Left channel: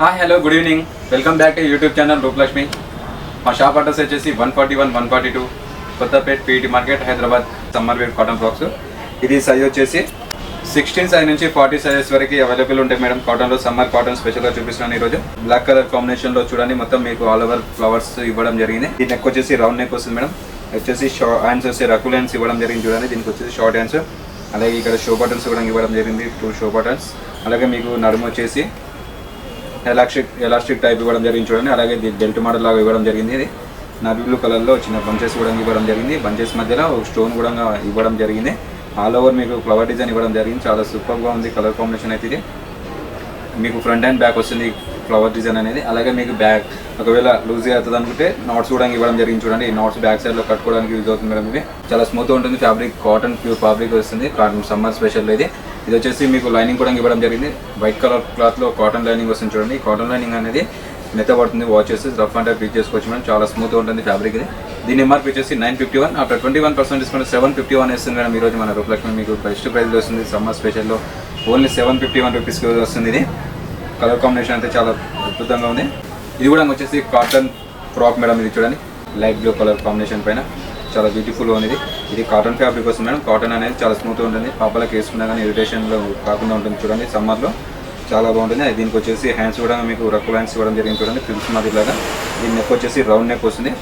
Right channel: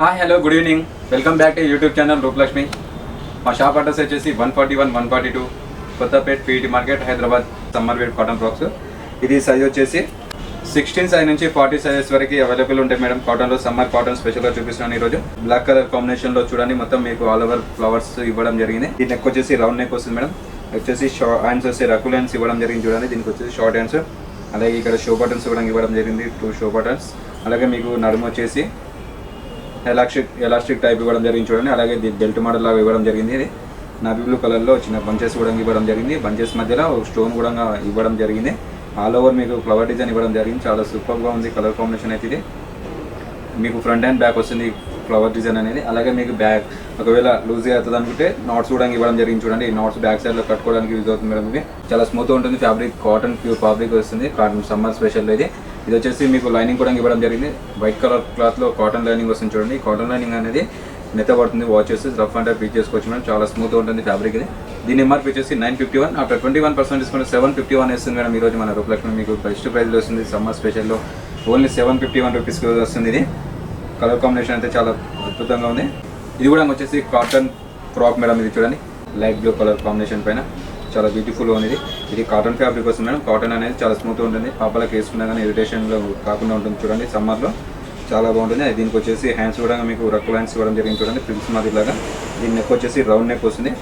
Hi hello good evening, welcome back to YouTube channel Roopalakshmi. మా shop address వచ్చేసి 141, 142 Kothapet PET market, Hyderabad. Summer wear cotton frocks. ఇది size వచ్చేసి 16 size నుంచి 40 sizes వరకు available ఉంటాయి మేడం. కాటన్లో సమ్మర్ కాటన్ స్పెషల్గా చూపిస్తున్నాను ఈరోజు. బ్లాక్ కలర్ కాంబినేషన్లో చూడండి, మొత్తం మీకు ఆల్ ఓవర్ ఫ్లవర్స్ ఇవ్వడం జరిగింది. దీని నెక్ వచ్చేసి రౌండ్ నెక్ వస్తుంది మేడం. వచ్చేసి హ్యాండ్స్ వచ్చి రకుల్ హ్యాండ్స్ ఇవ్వడం జరిగింది చూడండి. దీనికి వచ్చేసి షార్ట్ హ్యాండ్స్, అలాగే ఇక్కడ షో బటన్స్ కూడా ఇవ్వడం జరిగింది, షో బటన్స్. అలాగే మీకు నడుము వచ్చేసి ఎలాస్టిక్ టైప్ ఇవ్వడం జరిగింది చూడండి. అలాగే బెల్ట్ మోడల్ లాగా ఇవ్వడం జరిగింది. ఇది నావీ బ్లూ కలర్లో చిన్న బంచెస్ కూడా ఇవ్వడం జరిగింది. బంచెస్ మధ్యలో స్టోన్ కూడా ఇవ్వడం జరిగింది. ఆల్ ఓవర్ మీకు ఫ్లవర్ డిజైన్ ఇవ్వడం జరిగింది. చాలా సూపర్గా ఉంది కలర్ కాంబినేషన్ అయితే. ఇది మీకు ఫ్రంట్ అండ్ బ్యాక్ వస్తుంది ఫ్లవర్ డిజైన్ అనేది. అలాగే మీకు బ్యాక్ ఒకవేళ లూజ్ అవుతుంది అనుకుంటే నాట్స్ కూడా ఇవ్వడం జరిగింది చూడండి. ఈ నాట్స్ బ్యాక్ సైడ్ కట్టుకోవడానికి యూజ్ అవుతుంది మేడం. మీకు చాలా స్మూత్గా ఉంటుంది. ఫ్యాబ్రిక్ కాటన్ ప్యూర్ ఫ్యాబ్రిక్ వస్తుంది. సమ్మర్ స్పెషల్ ఇది. ఇది వచ్చేసి మీకు లైనింగ్ కూడా ఇవ్వడం జరిగింది. వైట్ కలర్ క్లాత్లో కాటన్ లైనింగ్ వస్తుంది చూడండి. కాటన్ లైనింగ్ అనేది మెత్తబడుతుంది. వాచ్ చేసి రఫ్ అంటే పిక్ చేసుకోవచ్చు మేడం. చాలా స్మూత్గా ఉంటుంది ఫ్యాబ్రిక్ ఇది. దీని ఎంఆర్పీ వచ్చేసి 951. ఆఫ్టర్ 21% డిస్కౌంట్ 751 వేస్తుంది మేడం. ఈరోజు మన రూపలక్ష్మి మీకు బెస్ట్ ప్రైస్ వస్తుంది. సమ్మర్ స్పెషల్లో ఓన్లీ 751 రూపీస్కి వస్తుంది. ఇది కలర్ కాంబినేషన్ అయితే చాలా అద్భుతంగా ఉంది. ఇది కూడా వచ్చేసి కాటన్ ఫ్రాక్ మేడం. ఇది చూడండి, లైట్ బ్లూ కలర్ కాంబినేషన్ పైన చాలా బ్యూటిఫుల్ ఉంది. ఇది కాటన్ ఫ్యాబ్రిక్ వస్తుంది మేడం. కాటన్ అనేది చాలా స్మూత్గా ఉంటుంది. పాపలకి తీసుకున్నా కానీ ఇరిటేషన్లో కాకుండా ఉంటుంది చూడండి. సమ్మర్లో చాలా బాగుంటుంది. దీనికి వచ్చేసి హ్యాండ్స్ కూడా మీకు రక్కుల హ్యాండ్స్ ఇవ్వడం జరిగింది చూడండి, ఫిల్స్ మాదిరిలాగా. దీని నెక్ వచ్చేసి రౌండ్ నెక్ వస్తుంది,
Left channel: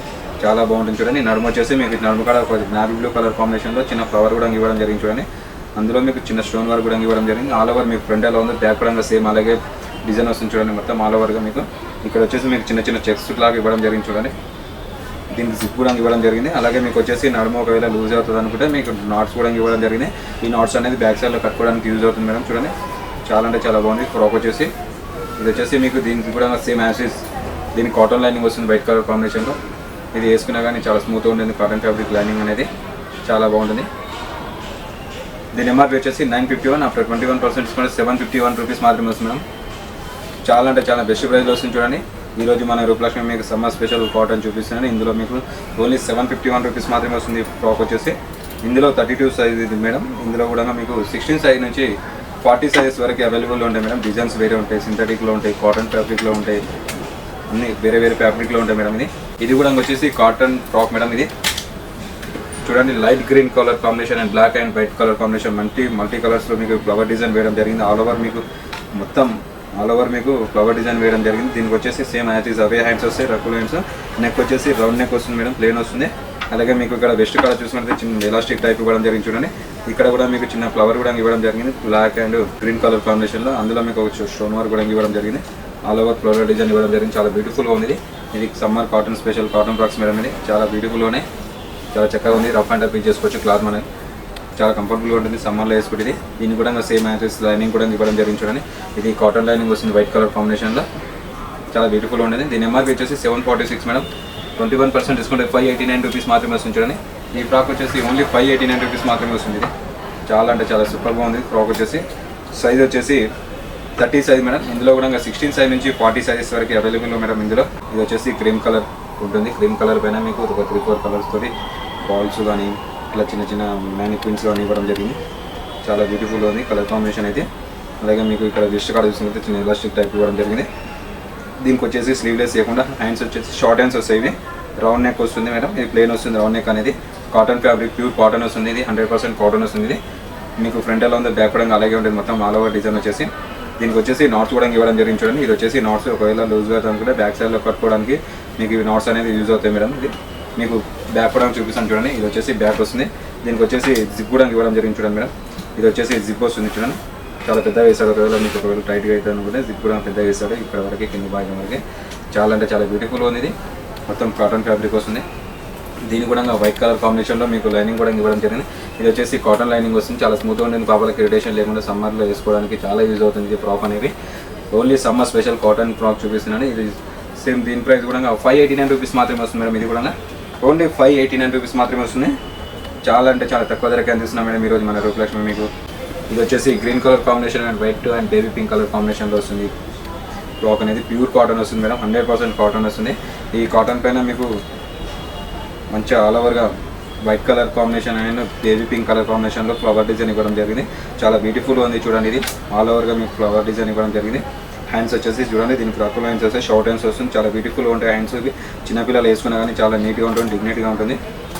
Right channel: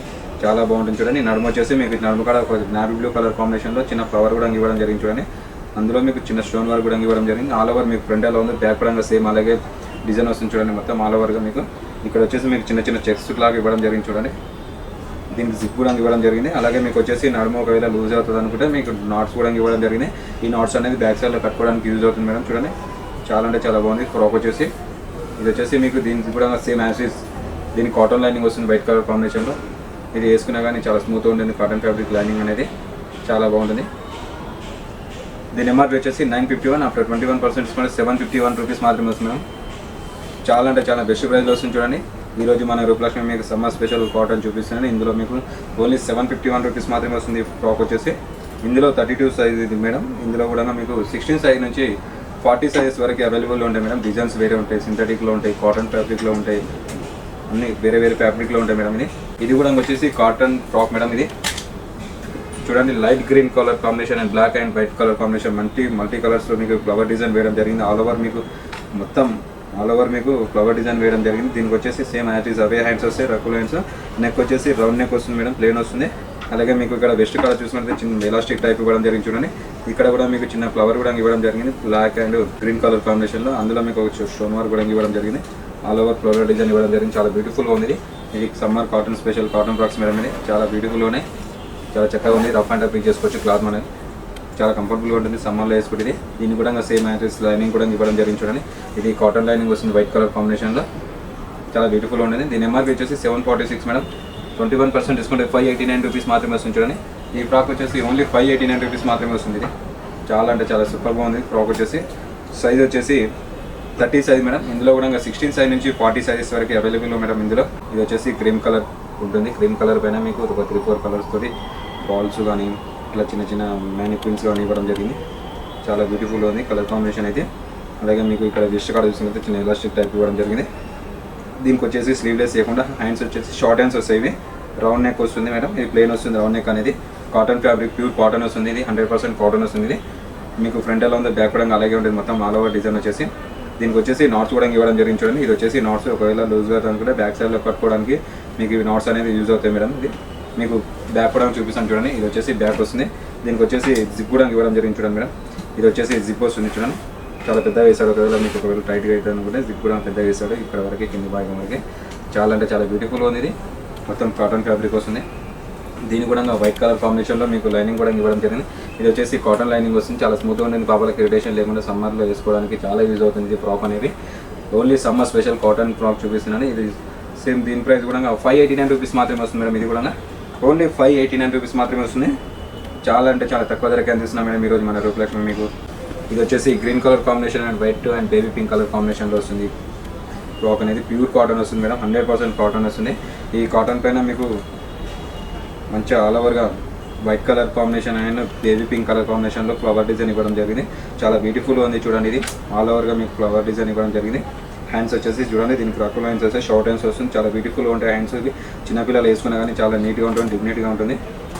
చాలా బాగుంటుంది చూడండి. నడుము వచ్చేసి మీకు నడుము కలర్ నావీ బ్లూ కలర్ కాంబినేషన్లో చిన్న ఫ్లవర్ కూడా ఇవ్వడం జరిగింది చూడండి. అందులో మీకు చిన్న స్టోన్ వర్క్ కూడా ఇవ్వడం జరిగింది. ఆల్ ఓవర్ మీకు ఫ్రంట్ ఎలా ఉంది, బ్యాక్ పరంగా సేమ్ అలాగే డిజైన్ వస్తుంది చూడండి. మొత్తం ఆల్ ఓవర్గా మీకు ఇక్కడ వచ్చేసి మీకు చిన్న చిన్న చెక్స్ లాగా ఇవ్వడం జరిగింది చూడండి. దీనికి జిప్ కూడా ఇవ్వడం జరిగింది. అలాగే మీకు వచ్చేసి నడుము ఒకవేళ లూజ్ అవుతుంది అనుకుంటే మీకు నాట్స్ కూడా ఇవ్వడం జరిగింది. ఈ నాట్స్ అనేది బ్యాక్ సైడ్లో కట్టుకోవడానికి యూజ్ అవుతుంది మేడం. చూడండి, చాలా అంటే చాలా బాగుంది ఫ్రాక్ వచ్చేసి. ఇది వచ్చేసి మీకు దీనికి కూడా సేమ్ యాసెస్. దీనికి కాటన్ లైనింగ్ వస్తుంది వైట్ కలర్ కాంబినేషన్. ఇది వేసుకున్నా కానీ చాలా స్మూత్గా ఉంటుంది. కాటన్ ఫ్యాబ్రిక్ లైనింగ్ అనేది చాలా బాగుంటుంది. దీని ఎంఆర్పీ వచ్చేసి 951. ఆఫ్టర్ 21% డిస్కౌంట్ 751 రూపీస్ మాత్రమే వస్తుంది. చాలా అంటే చాలా బెస్ట్ ప్రైస్లో వస్తుంది చూడండి. ఈరోజు మన రూపలక్ష్మి మీకు సమ్మర్ స్పెషల్ కాటన్ చూపిస్తాను. ఇందులో మీకు ఓన్లీ 751 రూపీస్ మాత్రమే వస్తుంది. ఫ్రాక్ వచ్చేసి ఇందులో 32 సైజ్ ఇది మేడం. ఇందులో కూడా మీకు 16 సైజ్ నుంచి 40 సైజెస్ వరకు అవైలబుల్లో ఉంటాయి మేడం. డిజైన్స్ వేరే ఉంటాయి, సింథటిక్లో ఉంటాయి, కాటన్ ఫ్యాబ్రిక్లో ఉంటాయి, అన్ని వేరే వేరే ఫ్యాబ్రిక్లో ఉంటాయి మేడం. ఇది కూడా వచ్చేసి కాటన్ ఫ్రాక్ మేడం. ఇది చూడండి, light green colour combination and black and white colour combination multi కలర్స్లో మీకు ఫ్లవర్ డిజైన్ వేయడం జరిగింది. ఆల్ ఓవర్ మీకు ఫ్లవర్ డిజైన్ వేయడం జరిగింది. దీనికి వచ్చేసి సేమ్ యాజ్ అవే హ్యాండ్స్ వస్తాయి, రకుల్ హ్యాండ్స్. నెక్ వచ్చేసి రౌండ్ నెక్ వస్తుంది మేడం, ప్లేన్ వస్తుంది. అలాగే మీకు ఇక్కడ వెస్ట్ కలర్ చూసినట్టు చిన్న ఎలాస్టిక్ టైప్ ఇవ్వడం జరిగింది చూడండి. ఇక్కడ కూడా మీకు చిన్న ఫ్లవర్ కూడా ఇవ్వడం జరిగింది, బ్లాక్ అండ్ గ్రీన్ కలర్ కాంబినేషన్లో. అందులో మీకు స్టోన్ వర్క్ కూడా ఇవ్వడం జరిగింది. ఆల్ ఓవర్ ఫ్లవర్ డిజైన్ ఇవ్వడం జరిగింది. చాలా బ్యూటిఫుల్గా ఉంది. ఇది summer cotton special cotton frocks madam. ఇది చాలా బ్యూటిఫుల్గా ఉన్నాయి, చాలా చక్కగా ఉంది. రఫ్ అండ్ పిక్ చేసుకోవచ్చు. క్లాత్ మనకి చాలా కంఫర్టబుల్గా ఉంటుంది సమ్మర్లో వేసుకుంటుంది. దీన్ని కూడా సేమ్ యాక్సెస్ లైనింగ్ కూడా ఇవ్వడం జరిగింది చూడండి. ఇది కాటన్ లైనింగ్ వస్తుంది వైట్ కలర్ కాంబినేషన్లో, చాలా బ్యూటిఫుల్గా ఉంటుంది. దీని ఎంఆర్పీ వచ్చేసి 746 మేడం. 21% డిస్కౌంట్ 589 రూపీస్ మాత్రమే వస్తుంది చూడండి. ఈ ఫ్రాక్ వచ్చేసి ఓన్లీ 589 రూపీస్ మాత్రమే వస్తుంది. ఇది చాలా అంటే చాలా సూపర్గా ఉంది. ఫ్రాక్ వచ్చేసి సైజ్ వచ్చేసి 30 సైజ్ మేడం. ఇందులో కూడా 16 సైజ్ నుంచి 40 సైజెస్ వరకు అవైలబుల్ మేడం. ఇందులో ఇది వచ్చేసి క్రీమ్ కలర్ ఉంటుంది. క్రీమ్ కలర్ పైన మీకు 3-4 కలర్స్ తోటి బాల్స్ కానీ ఇలా చిన్న చిన్న మ్యానిక్విన్స్ కానీ ఇవ్వడం జరిగింది. చాలా బ్యూటిఫుల్గా ఉంది కలర్ కాంబినేషన్ అయితే. అలాగే మీకు ఇక్కడ రిస్ట్ కార్డ్ చూసినట్టు ఎలాస్టిక్ టైప్ ఇవ్వడం జరిగింది. దీనికి వచ్చేసి స్లీవ్లెస్ చేయకుండా హ్యాండ్స్ వచ్చేసి షార్ట్ హ్యాండ్స్ వస్తాయి. ఇవి రౌండ్ నెక్ వస్తుంది మేడం. ఇది ప్లేన్ వస్తుంది. రౌండ్ నెక్ అనేది కాటన్ ఫ్యాబ్రిక్ ప్యూర్ కాటన్ వస్తుంది. ఇది 100% కాటన్ వస్తుంది. ఇది మీకు ఫ్రంట్ ఎలా ఉంది, బ్యాక్ కూడా అలాగే ఉంటుంది. మొత్తం ఆల్ ఓవర్ డిజైన్ వచ్చేసి దీనికి వచ్చేసి నాట్స్ కూడా ఇవ్వడం జరిగింది చూడండి. ఇది వచ్చేసి నాట్స్ ఒకవేళ లూజ్గా అనుకుంటే బ్యాక్ సైడ్లో కట్టుకోవడానికి మీకు నాట్స్ అనేవి యూజ్ అవుతాయి మేడం. ఇది మీకు బ్యాక్ కూడా చూపిస్తాను చూడండి. ఇది వచ్చేసి బ్యాక్ వస్తుంది. దీనికి వచ్చేసి జిప్ కూడా ఇవ్వడం జరిగింది చూడండి మేడం. ఇది వచ్చేసి జిప్ వస్తుంది చూడండి. చాలా పెద్దగా వేస్తాడు. ఒకవేళ మీకు ఇప్పుడు టైట్గా అయితే అనుకుంటే జిప్ కూడా పెద్దగా వేస్తాడు. ఇక్కడ వరకు కింద బాగా మనకి చాలా అంటే చాలా బ్యూటిఫుల్గా ఉంది. ఇది మొత్తం కాటన్ ఫ్యాబ్రిక్ వస్తుంది. దీని కూడా వైట్ కలర్ కాంబినేషన్లో మీకు లైనింగ్ కూడా ఇవ్వడం జరిగింది. ఇది వచ్చేసి కాటన్ లైనింగ్ వస్తుంది. చాలా స్మూత్గా ఉంటుంది. పాపలకి ఇరిటేషన్ లేకుండా సమ్మర్లో వేసుకోవడానికి చాలా యూజ్ అవుతుంది ఈ ఫ్రాక్ అనేది. Only summer special cotton frock చూపిస్తున్నాను. ఇది సేమ్ దీని ప్రైస్ కూడా 589 రూపీస్ మాత్రమే వస్తుంది మేడం. ఇది కూడా ఓన్లీ 589 రూపీస్ మాత్రమే వస్తున్నాయి. చాలా అంటే చాలా తక్కువ ధరకే అందిస్తున్నాం మేడం ఈరోజు మన రూపలక్ష్మి మీకు. ఇది వచ్చేసి green colour combination and white and baby pink colour కాంబినేషన్లో వస్తుంది. ఫ్రాక్ అనేది ప్యూర్ కాటన్ వస్తుంది మేడం. 100% కాటన్ వస్తుంది. ఈ కాటన్ పైన మీకు మంచిగా ఆల్ ఓవర్గా white colour combination and baby pink colour కాంబినేషన్లో ఫ్లవర్ డిజైన్ ఇవ్వడం జరిగింది. చాలా బ్యూటిఫుల్గా ఉంది చూడండి. ఇది ఆల్ ఓవర్గా మీకు ఫ్లవర్ డిజైన్ ఇవ్వడం జరిగింది. హ్యాండ్స్ వచ్చేసి చూడండి, దీనికి క్రాకుల్ హ్యాండ్స్ వస్తాయి, షార్ట్ హ్యాండ్స్ వస్తుంది, చాలా బ్యూటిఫుల్గా ఉంటాయి హ్యాండ్స్. ఇవి చిన్నపిల్లలు వేసుకున్నా కానీ చాలా నీట్గా ఉంటుంది, డిగ్నిటీగా ఉంటుంది,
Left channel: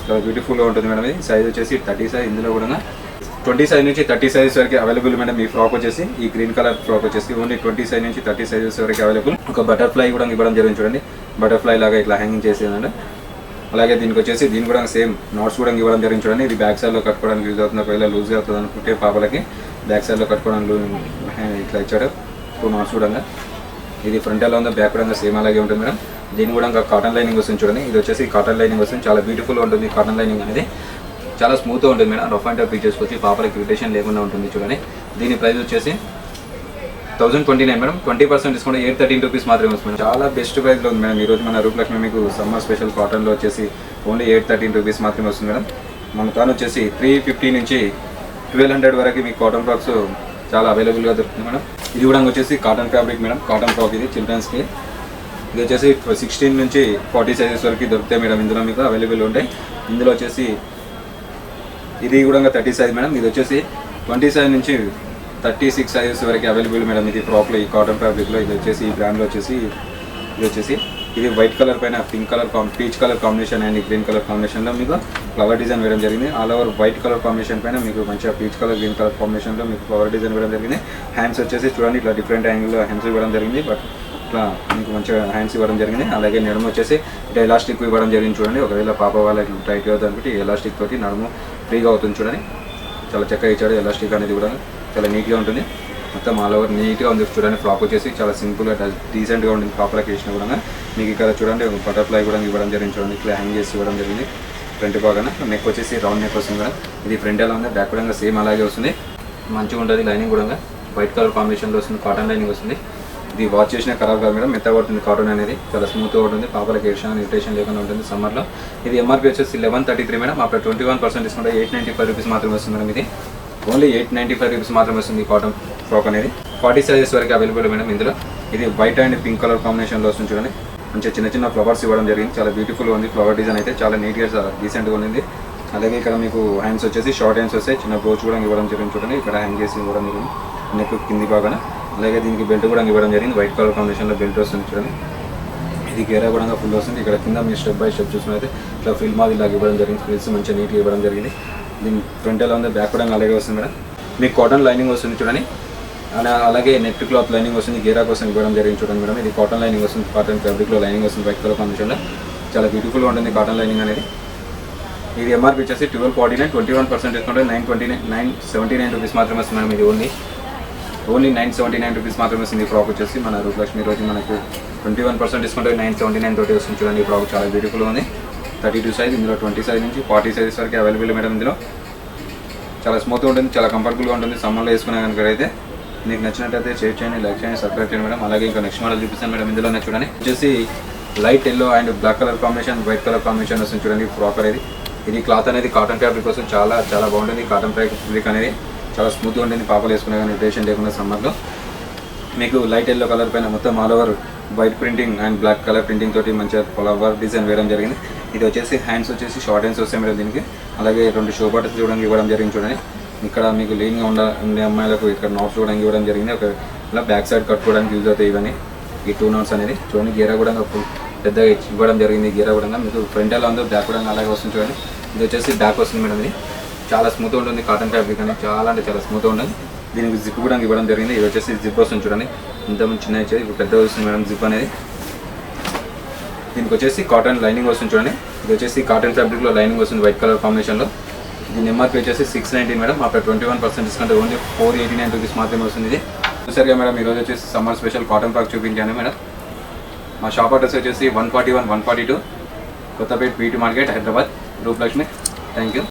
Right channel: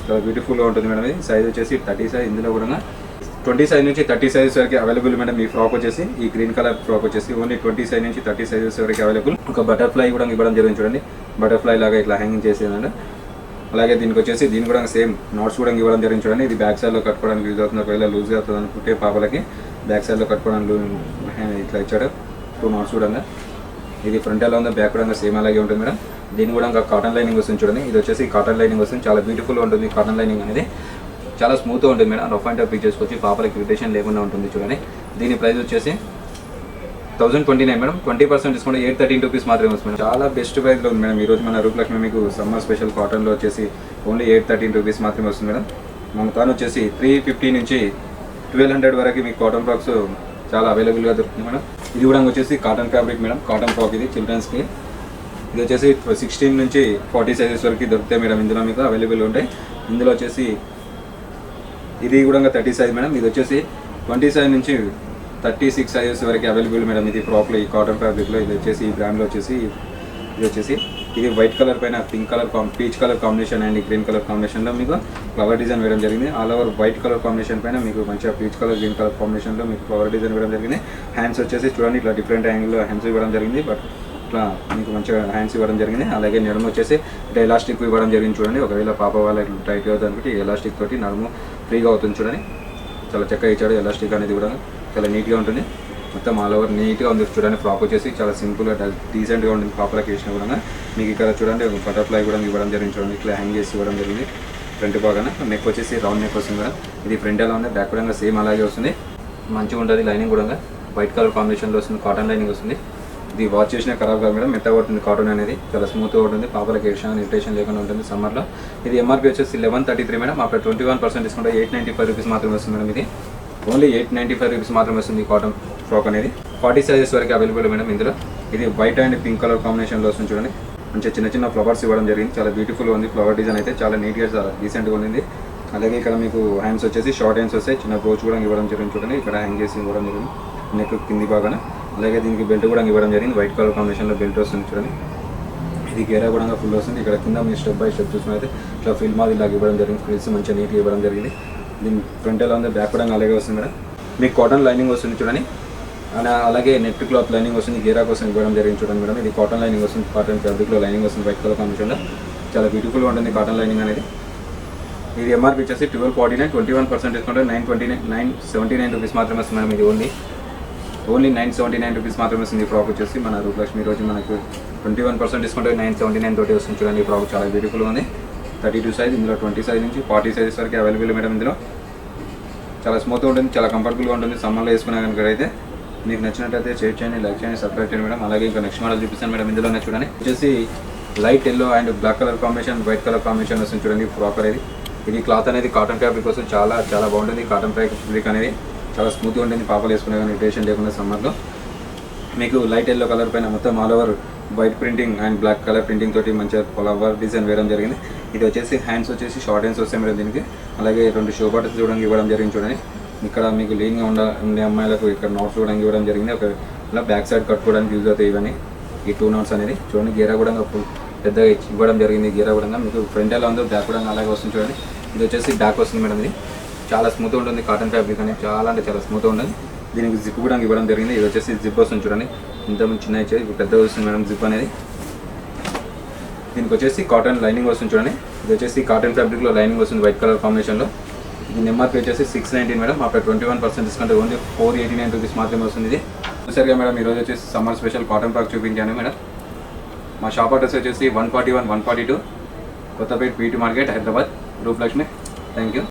చాలా బ్యూటిఫుల్గా ఉంటుంది మేడం. సైజ్ వచ్చేసి 30 సైజ్, ఇందులో కూడా 20 సైజ్ నుంచి 30 సైజెస్ వరకు అవైలబుల్ మేడం. ఈ ఫ్రాక్ వచ్చేసి ఈ గ్రీన్ కలర్ ఫ్రాక్ వచ్చేసి ఓన్లీ 20 సైజ్ నుంచి 30 సైజెస్ వరకు అవైలబుల్. ఒక బటర్ఫ్లై కూడా ఇవ్వడం జరిగింది చూడండి, బటర్ఫ్లై లాగా ఇట్లా హ్యాంగింగ్ చేసేదండి. అలాగే దీనికి వచ్చేసి దీని కూడా సేమ్ నోట్స్ కూడా ఇవ్వడం జరిగింది చూడండి. ఇది బ్యాక్ సైడ్లో కట్టుకోవడానికి యూజ్ అవుతుంది, ఒకవేళ లూజ్గా అవుతుంది అనుకుంటే పాపలకి బ్యాక్ సైడ్లో కట్టుకోవడానికి ఇట్లా ఇచ్చాడు. 2 నోట్స్ కూడా ఉంది. ఇది ఫ్రంట్ ఎలా ఉందో బ్యాక్ కూడా సేమ్ అలాగే ఉంటుంది మేడం. దీని కూడా ఇంకా కాటన్ లైనింగ్ వస్తుంది చూడండి. ఇది వచ్చేసి కాటన్ లైనింగ్ వస్తుంది, చాలా బ్యూటిఫుల్గా ఉంటుంది. కాటన్ లైనింగ్ అనేది చాలా స్మూత్గా ఉంటుంది madam. Rough and tough features వచ్చి పాపలకి ఇరిటేషన్ లేకుండా ఉంటుంది చూడండి. దీని ప్రైస్ వచ్చేసి 1029 మేడం. 20% డిస్కౌంట్ 813 రూపీస్ మాత్రమే వస్తుంది. చాలా బెస్ట్ ప్రైస్లో ఉంది మేడం. ఈరోజు మన రూపలక్ష్మి మీకు సమ్మర్ స్పెషల్ కాటన్లో వచ్చేసి ఓన్లీ 813 రూపీస్ మాత్రమే వస్తుంది మేడం. మన కాన్ వచ్చేసి 350 నుంచి 1200 వరకు మీకు కాటన్ ఫ్రాక్స్ చాలా అవైలబుల్గా దొరుకుతుంది మేడం. ఇది కూడా వచ్చేసి cotton fabric madam, cotton frock ఇది చిల్డ్రన్స్కి. ఇది వచ్చేసి 16 నుంచి 40 సైజెస్ వరకు దొరుకుతాయి మేడం. ఇందులో మీకు అవైలబుల్ ఉంటాయి. ఇందులో వచ్చేసి ఇది కూడా 30 సైజ్ మేడం. ఇది వచ్చేసి 20 సైజ్ నుంచి 36 సైజెస్ వరకు అవైలబుల్ మేడం. ఇది ఫ్రాక్లో ఈ కాటన్ ఫ్యాబ్రిక్లో. ఇది వచ్చేసి ఈ బ్రాండ్లో వచ్చేసి ఇది వైట్ కలర్ పైన pink colour peach colour combination and green colour కాంబినేషన్లో మీకు ఫ్లవర్ డిజైన్ వేయడం జరిగింది. All over white colour combination పైన మీకు మంచిగా పీచ్ కలర్ గ్రీన్ కలర్ కాంబినేషన్లో మీకు ఫ్లవర్ డిజైన్ వేయడం జరిగింది. హ్యాండ్స్ వచ్చేసి చూడండి, ఇట్లా డిఫరెంట్ యాంగిల్లో హ్యాండ్స్ ఇవ్వడం జరిగింది. బట్ ఇట్లా మీకు మంచిగా హ్యాండ్స్ ఇవ్వడం జరిగింది. అలాగే నడుము వచ్చేసి ఇట్లా ఎలాస్టిక్ ఇవ్వడం జరిగింది చూడండి. ఒకవేళ పాప వాళ్ళకి టైట్ అవుతుంది అనుకుంటే ఎలాస్టిక్ తోటి నడుము ఫ్రీగా అవుతుంది చూడండి. చాలా చక్కగా ఇచ్చాడు ఎలాస్టిక్ అనేది కూడా, చాలా నీట్గా ఉంటుంది. మొత్తం ఆల్ ఓవర్ నీట్గా ఉంది చూడండి. ఫ్రాక్ వచ్చేసి చాలా సింపుల్గా డీసెంట్గా ఉంటుంది. ఫ్రాక్లకి వేసిన కూడా మీకు ఇక్కడ చూడండి బటర్ఫ్లై కూడా ఇవ్వడం జరిగింది చూడండి. ఇట్లా హ్యాంగ్ చేసి ఇవ్వడం జరిగింది. ఫ్రంట్ బాగానే నెక్ వచ్చేసి రౌండ్ నెక్ వస్తుంది కదా. ఇది ఫ్రంట్ ఎలా ఉంది, బ్యాక్ కూడా సేమ్ అలాగే వస్తుంది, మంచిగా ఉంటుంది. లైనింగ్ కూడా వైట్ కలర్ కాంబినేషన్లో వస్తుంది, కాటన్ లైనింగ్ వస్తుంది. ఇది వాష్ చేసినా ఖరాబ్ కాదు మేడం, మెత్తగా ఉంటుంది. కాటన్ అనేది చాలా స్మూత్గా ఉంటుంది, పాపలకి ఇరిటేషన్ లేకుండా ఉంటుంది సమ్మర్లో. ఇది ఎంఆర్పీ వచ్చేసి 1133 మేడం. అప్పుడు 21% డిస్కౌంట్ 895 రూపీస్ మాత్రమే వస్తుంది మేడం. ఇది ఓన్లీ 895 రూపీస్ మాత్రమే వస్తుంది కాటన్ ఫ్రాక్ అనేది. 40 సైజెస్ వరకు అవైలబుల్ మేడం ఇందులో. ఇది వైట్ అండ్ పింక్ కలర్ కాంబినేషన్లో వస్తుంది చూడండి. మంచి చిన్న చిన్న ఫ్లవర్స్ ఇవ్వడం జరిగింది, చాలా బ్యూటిఫుల్గా ఉంది. ఫ్లవర్ డిజైన్ అయితే చాలా నీట్గా డీసెంట్గా ఉంది. అలాగే ఇక్కడ మీకు హ్యాండ్స్ వచ్చేసి షార్ట్ హ్యాండ్స్ వస్తాయి, చిన్న బ్రోచ్ కూడా ఇవ్వడం జరిగింది చూడండి. ఇక్కడ హ్యాండ్ చేసి ఇవ్వడం జరిగింది నెక్ కింది బాగానే. అలాగే దీనికి బెల్ట్ కూడా ఇవ్వడం జరిగింది, వైట్ కలర్ కాంబినేషన్లో బెల్ట్ వస్తుంది చూడండి. ఇది గేరా కూడా ఫుల్ వస్తుంది. ఇక్కడ కింద మీరు స్టెప్ బై స్టెప్ చూసుకున్నైతే ఇట్లా ఫిల్ మాది ఇలాగ ఇవ్వడం జరిగింది. ఫిల్స్ మంచిగా నీట్గా ఇవ్వడం జరిగింది. దీని ఫ్రంట్ ఎలా ఉంది, బ్యాక్ కూడా అలాగే వస్తుంది మేడం. మీకు కాటన్ లైనింగ్ వస్తుంది చూడండి. అలాగే నెట్ క్లాత్ లైనింగ్ వస్తుంది, గేరా కోసం ఇవ్వడం జరిగింది చూడండి మేడం. ఇది కాటన్ లైనింగ్ వస్తుంది, కాటన్ ఫ్యాబ్రిక్లో లైనింగ్ వస్తుంది, వైట్ కలర్ కాంబినేషన్. చాలా బ్యూటిఫుల్గా ఉంటుంది కాటన్ లైనింగ్ అనేది. ఇది ఎంఆర్పీ వచ్చేసి 1249, 21% డిస్కౌంట్ 979 రూపీస్ మాత్రమే వస్తుంది మేడం. ఇది ఓన్లీ 979 రూపీస్ మాత్రమే వస్తుంది. ఫ్రాక్ వచ్చేసి మన రూపలక్ష్మి రోజు మనకి 21% డిస్కౌంట్ 979 తోటి వస్తుంది చూడండి. ఈ ఫ్రాక్ చాలా బ్యూటిఫుల్గా ఉంది. 32 సైజ్, ఇందులో 20 సైజ్ నుంచి 40 సైజెస్ వరకు అవైలబుల్ మేడం. ఇందులో చాలా స్మూత్గా ఉంటుంది, చాలా కంఫర్టబుల్గా ఉంటుంది. సమ్మర్లో వేసుకున్నా కనుక అయితే మీకు నచ్చినట్టయితే షేర్ చేయండి, లైక్ చేయండి, సబ్స్క్రైబ్ చేయండి మేడం. అలాగే ఇంకా నెక్స్ట్ మోడల్ చూపిస్తాను మేడం. ఇందులోనే చూడండి వచ్చేసి light yellow and black colour combination, white colour combination వస్తుంది చూడండి. ఫ్రాక్ అనేది ఇది క్లాత్ అనేది కాటన్ ఫ్యాబ్రిక్ కోసం చాలా చాలా బాగుంటుంది. కాటన్ ఫ్యాబ్రిక్ అనేది చాలా స్మూత్గా ఉంటుంది. పాపలు వేసుకునే ఇరిటేషన్ లేకుండా సమ్మర్లో. మీకు లైట్ ఎల్లో కలర్ పైన మొత్తం all over white printing and black colour printing తోటి మంచిగా ఫ్లవర్ డిజైన్ వేయడం జరిగింది. ఇది వచ్చేసి హ్యాండ్స్ వచ్చేసి షార్ట్ హ్యాండ్స్ వస్తాయి మేడం దీనికి. అలాగే 2 షూ బటన్స్ చూడడానికి ఇవ్వడం జరిగింది చూడండి. ఇక్కడ మీకు లీన్గా ఉండే అమ్మాయిలకు ఇక్కడ నోట్స్ కూడా ఇవ్వడం జరిగింది. ఒక ఇలా బ్యాక్ సైడ్ కట్టుకోవడానికి యూజ్ అవుతాయి ఇవన్నీ. ఈ 2 నోట్స్ అనేది చూడండి. గేరా కూడా పెద్దగా ఇవ్వడం జరిగింది. గేరా కూడా మీకు ఫ్రంట్ ఎలా ఉంది, బ్యాక్ కూడా అలాగే వస్తుంది చూడండి. ఇది వచ్చేసి బ్యాక్ వస్తుంది మేడం. ఇది చాలా స్మూత్గా ఉంటుంది. కాటన్ ఫ్యాబ్రిక్ అనేది చాలా అంటే చాలా స్మూత్గా ఉంటుంది. దీనికి జిప్ కూడా ఇవ్వడం జరిగింది. ఇది వచ్చేసి జిప్ వస్తుంది చూడండి. ఇంతమంది చిన్న ఇచ్చేది ఇప్పుడు పెద్దగా వస్తుంది మేడం జిప్ అనేది. దీనికి వచ్చేసి కాటన్ లైనింగ్ వస్తుంది చూడండి. ఇది వచ్చేసి కాటన్ ఫ్యాబ్రిక్లో లైనింగ్ వస్తుంది వైట్ కలర్ కాంబినేషన్లో. దీని ఎంఆర్పీ వచ్చేసి 690 మేడం. అక్కడ 21% డిస్కౌంట్ ఓన్లీ 489 రూపీస్ మాత్రమే వస్తుంది. సరిగా మేడం ఈరోజు వచ్చేసి సమ్మర్ స్పెషల్ కాటన్ ఫ్రాక్ చూపించాను మేడం. మా షాప్ అడ్రస్ వచ్చేసి 141, 142 Kothapet BT market, Hyderabad, Rupalakshmi. Thank you.